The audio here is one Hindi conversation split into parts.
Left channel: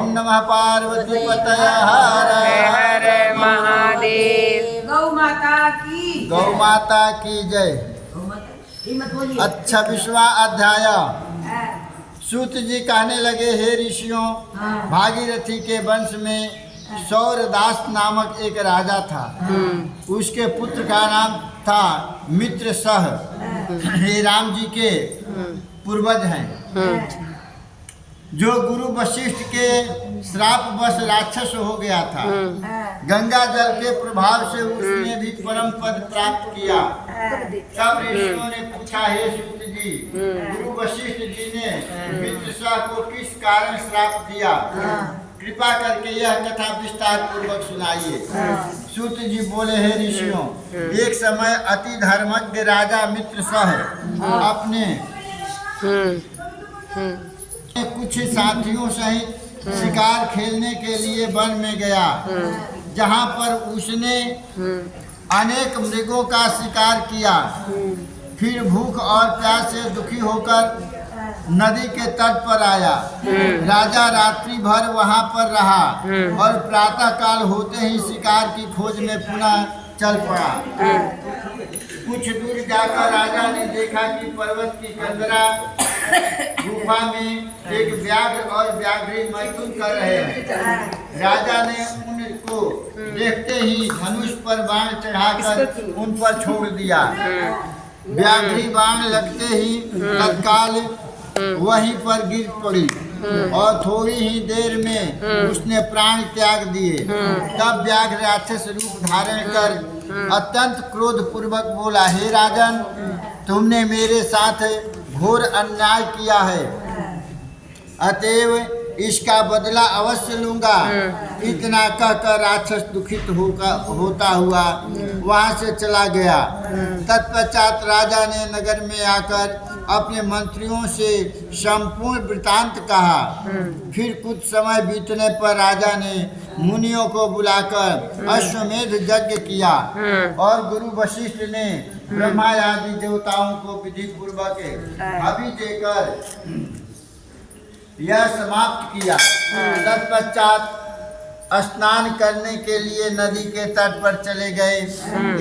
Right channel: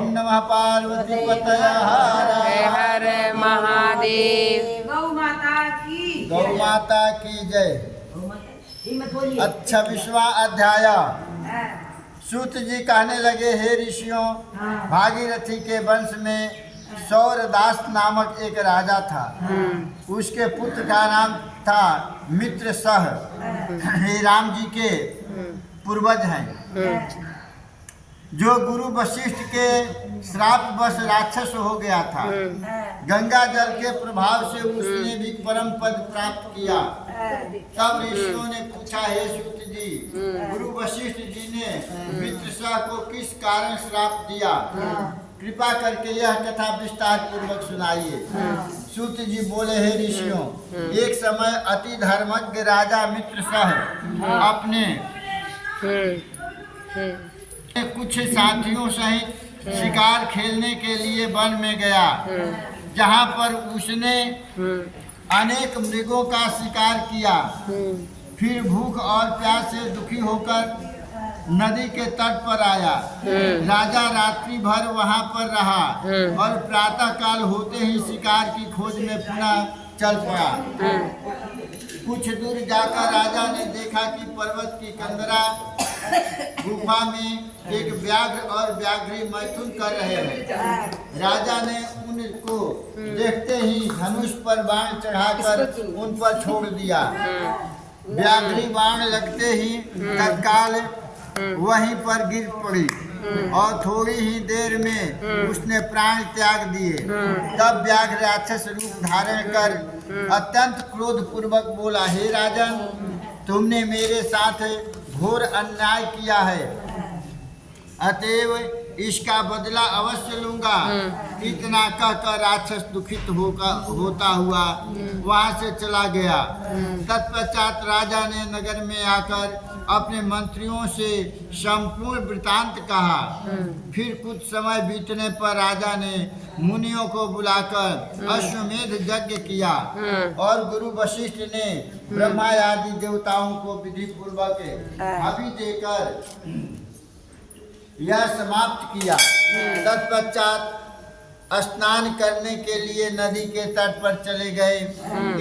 ओम नमः पार्वती पतये हर हर महादेव। गौ माता की जय। अच्छा 20वां अध्याय। सूत जी कहने लगे, हे ऋषियों, भागीरथी के वंश में सौरदास नामक एक राजा था। उसके पुत्र का नाम था मित्रसह। हे राम जी के पूर्वज हैं, जो गुरु वशिष्ठ के श्रापवश राक्षस हो गया था। गंगा जल के प्रभाव से उसने भी परम पद प्राप्त किया। तब ऋषियों ने पूछा, हे सूत जी, गुरु वशिष्ठ जी ने मित्रसह को किस कारण श्राप दिया? कृपा करके यह कथा विस्तार पूर्वक सुनाइए। सूत जी बोले, हे ऋषियों, एक समय अति धर्मज्ञ राजा मित्रसह अपने कुछ साथियों सहित शिकार खेलने के लिए वन में गया, जहाँ पर उसने अनेक मृगों का शिकार किया। फिर भूख और प्यास से दुखी होकर नदी के तट पर आया। राजा रात्रि भर वहाँ पर रहा और प्रातः काल होते ही शिकार की खोज में पुनः चल पड़ा। कुछ दूर जाकर राजा ने देखा कि पर्वत की कंदरा गुफा में एक व्याघ्र और व्याघ्री मैथुन कर रहे हैं। राजा ने उनको देखते ही धनुष पर बाण चढ़ाकर उन पर छोड़ दिया। व्याघ्री बाण लगते ही तत्काल वहीं पर गिर पड़ी और थोड़ी ही देर में उसने प्राण त्याग दिए। तब व्याघ्र राक्षस रूप धारण कर अत्यंत क्रोध पूर्वक बोला, हे राजन, तुमने मेरे साथ घोर अन्याय किया है, अतएव इसका बदला अवश्य लूंगा। इतना कहकर राक्षस दुखित होता हुआ वहां से चला गया। तत्पश्चात राजा ने नगर में आकर अपने मंत्रियों से संपूर्ण वृतांत कहा। फिर कुछ समय बीतने पर राजा ने मुनियों को बुलाकर अश्वमेध यज्ञ किया और गुरु वशिष्ठ ने ब्रह्मा आदि देवताओं को विधि पूर्वक हवि देकर यह समाप्त किया। तत्पश्चात स्नान करने के लिए नदी के तट पर चले गए।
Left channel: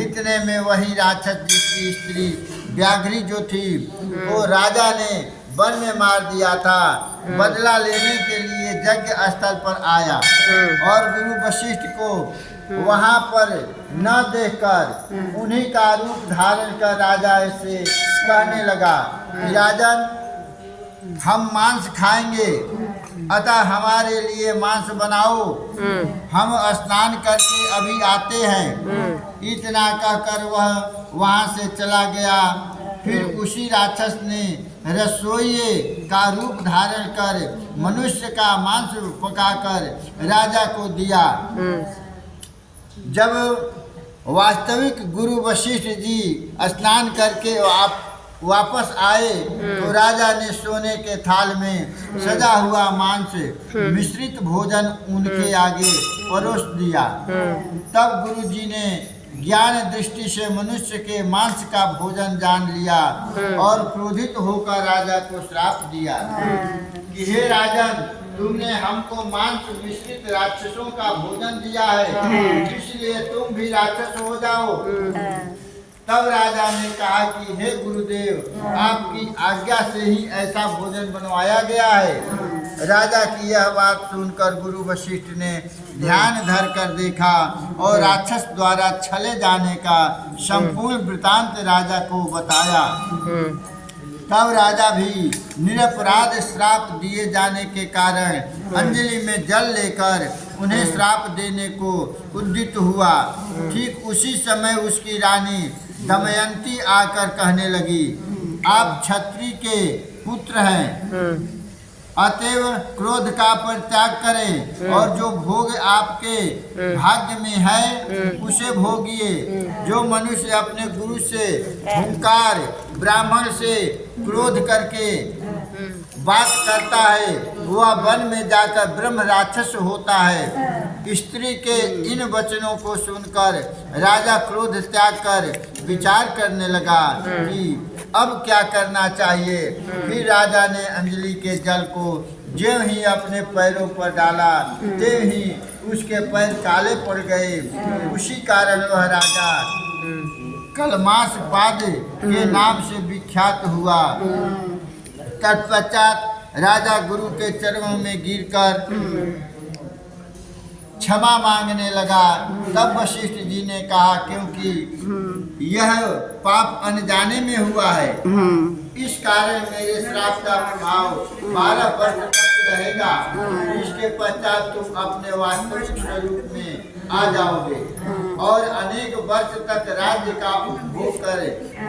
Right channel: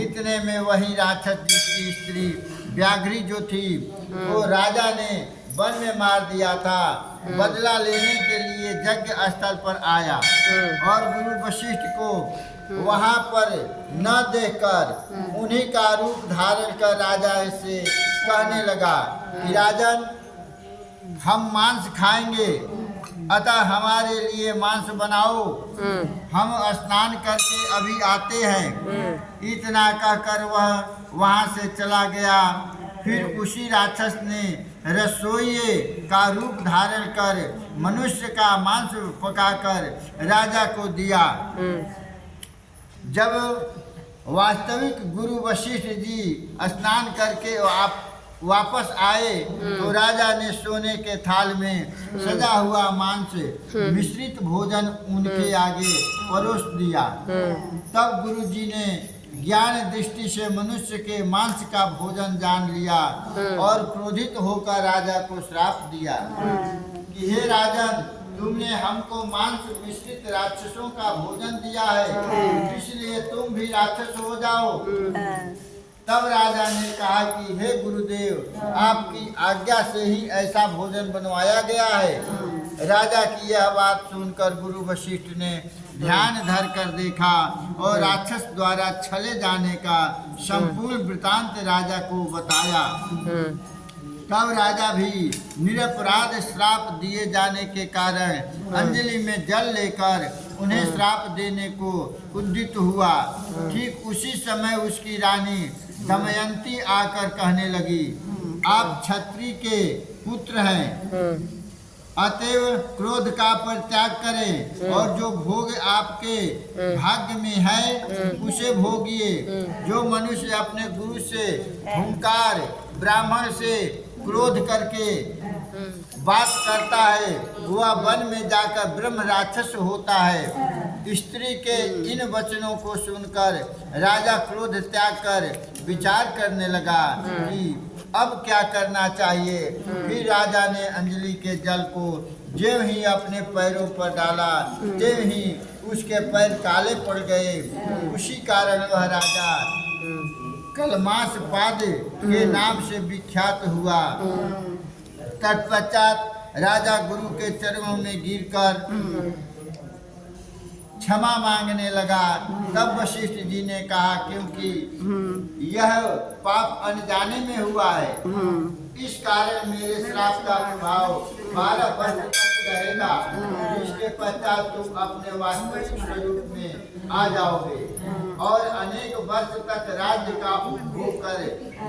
इतने में वही राक्षस जिसकी स्त्री व्याघ्री जो थी, वो राजा ने वन में मार दिया था, बदला लेने के लिए यज्ञ स्थल पर आया और गुरु वशिष्ठ को वहां पर न देखकर उन्हीं का रूप धारण कर राजा से कहने लगा, राजन, हम मांस खाएंगे, अतः हमारे लिए मांस बनाओ, हम स्नान करके अभी आते हैं। इतना कहकर वह वहां से चला गया। फिर उसी राक्षस ने रसोइये का रूप धारण कर मनुष्य का मांस पकाकर राजा को दिया। जब वास्तविक गुरु वशिष्ठ जी स्नान करके वापस आए तो राजा ने सोने के थाल में सजा हुआ मांस मिश्रित भोजन उनके आगे परोस दिया। तब गुरु जी ने ज्ञान दृष्टि से मनुष्य के मांस का भोजन जान लिया और क्रोधित होकर राजा को श्राप दिया कि हे राजन, तुमने हमको मांस मिश्रित राक्षसों का भोजन दिया है, इसलिए तुम भी राक्षस हो जाओ। तब राजा ने कहा कि हे गुरुदेव, आपकी आज्ञा से ही ऐसा भोजन बनवाया गया है। राजा की यह बात सुनकर गुरु वशिष्ठ ने ध्यान धर कर देखा और राक्षस द्वारा छले जाने का संपूर्ण वृतांत राजा को बताया। तब राजा भी निरपराध श्राप दिए जाने के कारण अंजलि में जल लेकर उन्हें श्राप देने को उद्यत हुआ। ठीक उसी समय उसकी रानी दमयंती आकर कहने लगी, आप क्षत्रिय के पुत्र हैं, अतएव क्रोध का परित्याग करें और जो भोग आपके भाग्य में है उसे भोगिए। जो मनुष्य अपने गुरु से हुंकार, ब्राह्मण से क्रोध करके बात करता है, वह वन में जाकर ब्रह्म राक्षस होता है। स्त्री के इन वचनों को सुनकर राजा क्रोध त्याग कर विचार करने लगा कि अब क्या करना चाहिए। फिर राजा ने अंजलि के जल को ज्यों ही अपने पैरों पर डाला त्यों ही उसके पैर काले पड़ गए। उसी कारण वह राजा कलमास पाद के नाम से विख्यात हुआ। तत्पश्चात राजा गुरु के चरणों में गिरकर क्षमा मांगने लगा। तब वशिष्ठ जी ने कहा, क्योंकि यह पाप अनजाने में हुआ है, इस कारण मेरे श्राप का प्रभाव 12 वर्ष तक रहेगा। इसके पश्चात तुम अपने वास्तविक स्वरूप में आ जाओगे और अनेक वर्ष तक राज्य का उपभोग कर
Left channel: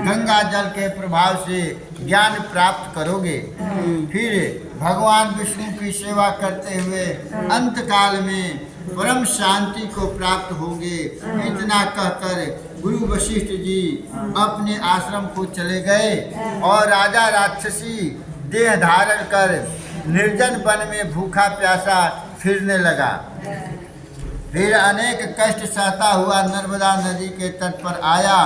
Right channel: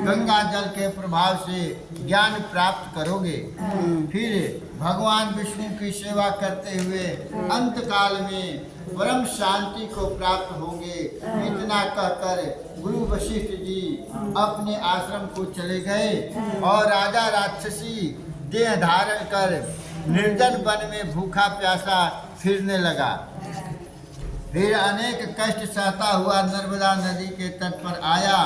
गंगा जल के प्रभाव से ज्ञान प्राप्त करोगे। फिर भगवान विष्णु की सेवा करते हुए अंत काल में परम शांति को प्राप्त होगे। इतना कहकर गुरु वशिष्ठ जी अपने आश्रम को चले गए और राजा राक्षसी देह धारण कर निर्जन वन में भूखा प्यासा फिरने लगा। फिर अनेक कष्ट सहता हुआ नर्मदा नदी के तट पर आया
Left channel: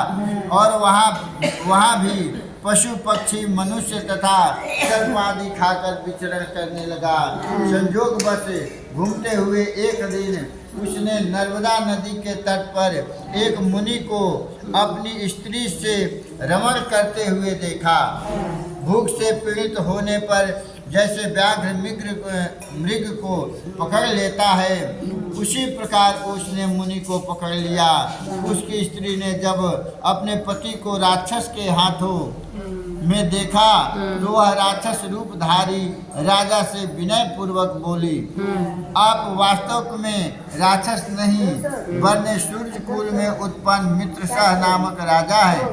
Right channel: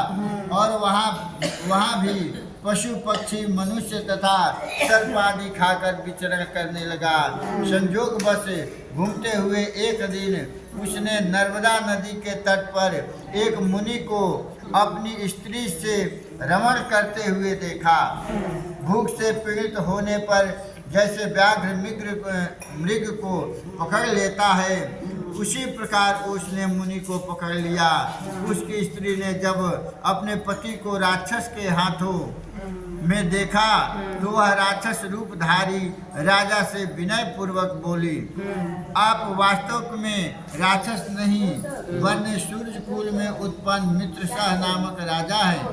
और वहाँ भी पशु पक्षी मनुष्य तथा सर्प आदि खाकर विचरण करने लगा। संयोग बस घूमते हुए एक दिन उसने नर्मदा नदी के तट पर एक मुनि को अपनी स्त्री से रमण करते हुए देखा। भूख से पीड़ित होने पर जैसे व्याघ्र मृग को पकड़ लेता है, उसी प्रकार उसने मुनि को पकड़ लिया। उसकी स्त्री ने जब अपने पति को राक्षस के हाथों में देखा तो वह राक्षस रूपधारी राजा से विनय पूर्वक बोली, आप वास्तव में राक्षस नहीं वरन सूर्य कुल में उत्पन्न मित्रसह नामक राजा है।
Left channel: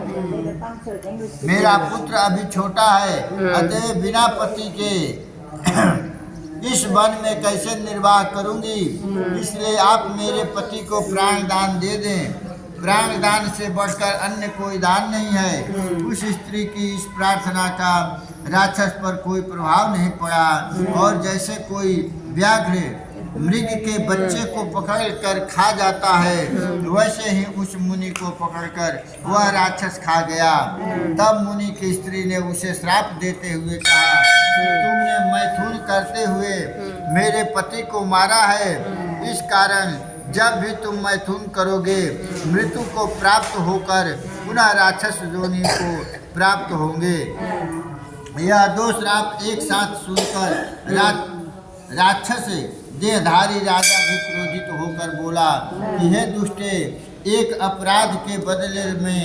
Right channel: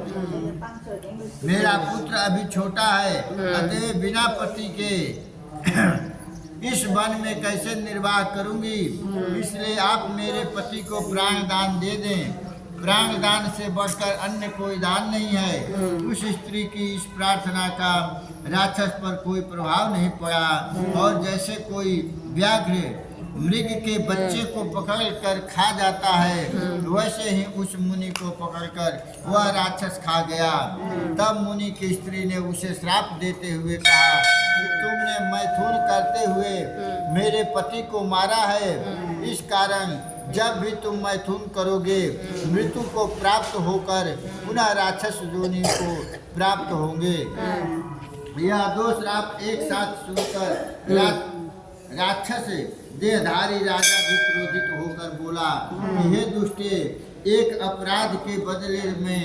मेरा पुत्र अभी छोटा है, अतः बिना पति के इस वन में कैसे निर्वाह करूंगी, इसलिए आप मेरे पति को प्राण दान दे दें। प्राण दान से बढ़कर अन्य कोई दान नहीं है। उस स्त्री की इस प्रार्थना का राक्षस पर कोई प्रभाव नहीं पड़ा और जैसे कोई व्याघ्र मृग के बच्चे को पकड़कर खा जाता है, वैसे ही उस मुनि को पकड़कर वह राक्षस खा गया। तब मुनि की स्त्री ने उसे श्राप देते हुए कहा, तुमने मैथुन करते हुए मेरे पति को मारा है, इस कारण जब भी तुम मैथुन करोगे मृत्यु को प्राप्त होकर पुनः राक्षस योनि को प्राप्त होंगे। यह दो श्राप एक साथ सुनकर राक्षस देहधारी राजा भी क्रोधित होकर बोला कि हे दुष्टे, एक अपराध के बदले में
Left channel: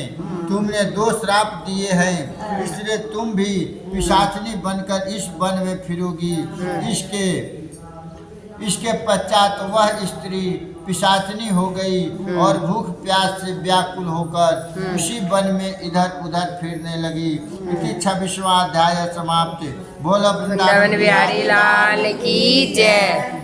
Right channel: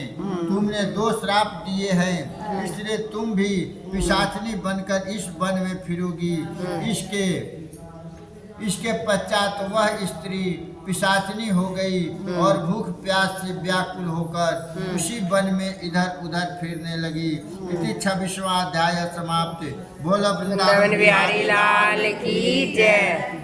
तुमने 2 श्राप दिए हैं, इसलिए तुम भी पिशाचिनी बनकर इस वन में फिरोगी। इसके पश्चात वह स्त्री पिशाचिनी हो गई और भूख प्यास से व्याकुल होकर उसी वन में इधर उधर फिरने लगी। इति 26वां अध्याय समाप्त। बोलो वृंदावन बिहारी लाल की जय।